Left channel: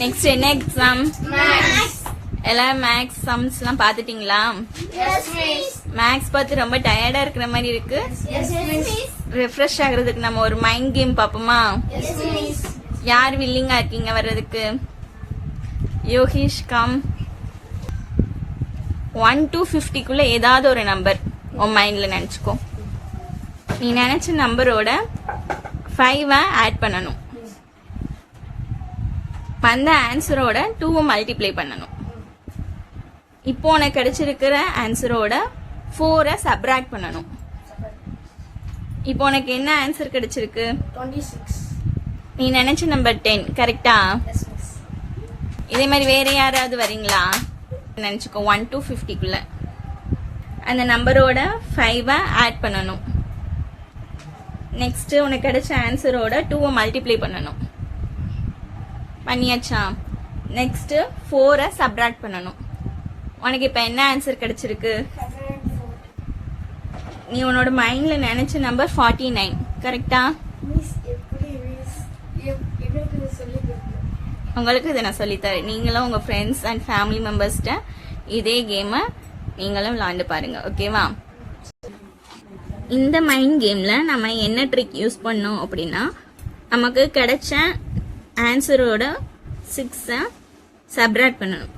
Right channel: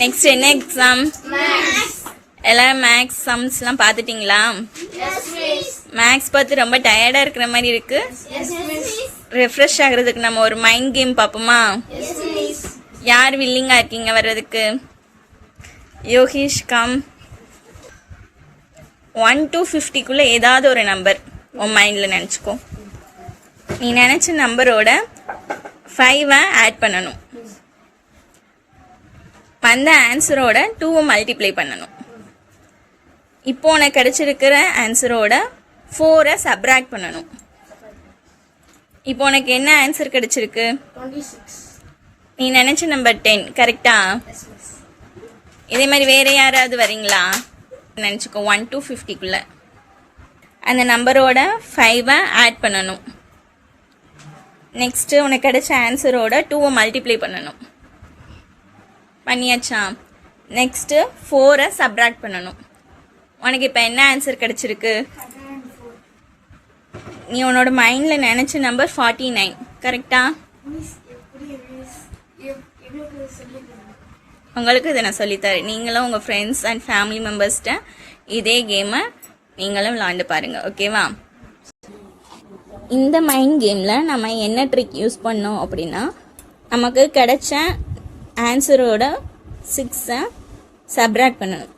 Next என்ன exam? எல்லாம் maths சம்ஸ்லாம் பார்த்துட்டீங்களா? Maths பார்த்து ரொம்ப டயர்டா இருக்கிற மாதிரி இருக்கு. ரெஃப்ரெஷ் ஆகுறதுக்கு நம்ம ஒரு மைண்ட் கேம் பார்ப்போமா? யார் வில்லிங்கா இருக்கீங்க வர்றதுக்கு? யோகேஷ் கம். 1 to 50 ஏதாவது ஒரு நம்பர் உன் மைண்டில் நினச்சிக்கோ. நீ நினச்ச நம்பரோட 5 ஆட் பண்ணணும். அந்த ஆன்சரோட 2 மல்டிப்ளை பண்ணணும். இப்போ உனக்கு கிடைச்சிருக்கிற ஆன்சரோட 4 சப்ராக்ட் பண்ணணும். இப்போ உனக்கு என்ன ஆன்சர் கிடைச்சிருக்கு? 26. நீ நினைச்ச நம்பர் 10 கரெக்டா? இதே மாதிரி வேற யாராவது வரீங்களா? நினச்சிக்கோ 1 to 50 அந்த நம்பரோட 5 ஆட் பண்ணணும். நெக்ஸ்ட் உனக்கு கிடைச்ச ஆன்சரோட 2 மல்டிப்ளை பண்ணணும். பண்ணியாச்சா? நெக்ஸ்ட் 4 சப்ராக்ட் பண்ணணும். உனக்கு இப்போ என்ன ஆன்சர் கிடைச்சிருக்கு? 104. நீ உன்னோட மைண்ட்ல நினைச்ச நம்பர் 49 கரெக்டா? மிஸ் எப்படி மிஸ் எனக்கு சொல்லி கொடுங்க. உங்களுக்கு இதை நான் சொல்லித்தரேன். நீங்களும் உங்கள் ஃப்ரெண்ட்ஸ் அண்ட் ஃபேமிலி மெம்பர்ஸ்கிட்ட இதே கேமை நீங்களும் விளாண்டு பாருங்கள். ஓகேவா? இந்த மைண்ட் கேமில் நம்ம என்ன ட்ரிக் யூஸ் பண்ணோம் அப்படின்னா, நமக்கு கிடைச்ச ஆன்சரோட 6 சப்ராக்ட் பண்ணணும்.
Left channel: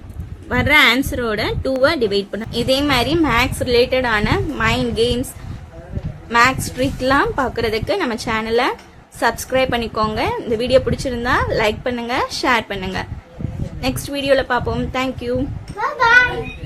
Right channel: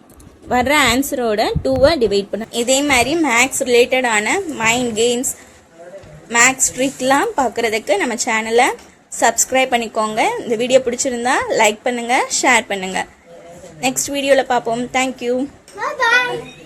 வர்ற ஆன்சரோட 2 டிவைட் பண்ணணும். இதே மாதிரி மேக்ஸ் ரிலேட்டடான மைண்ட் கேம்ஸ், மேக்ஸ் ட்ரிக்லாம் பார்க்குறதுக்கு நம்ம சேனலை சப்ஸ்கிரைப் பண்ணிக்கோங்க. இந்த வீடியோ பிடிச்சிருந்தா லைக் பண்ணுங்கள், ஷேர் பண்ணுங்கள். நெக்ஸ்ட் வீடியோவில் பார்ப்போம். தேங்க்யூ. Bye bye.